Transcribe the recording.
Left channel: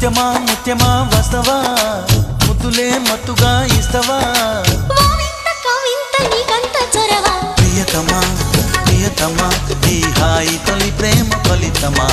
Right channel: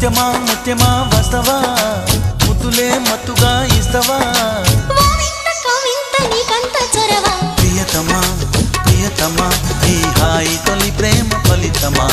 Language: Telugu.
ముత్యమా ముత్యమా వస్తవా ముద్దులే మత్తుగా ఇస్తవా ప్రియతమా ప్రియతమా ఈ హాయి తొలి ప్రేమ ఫలితమా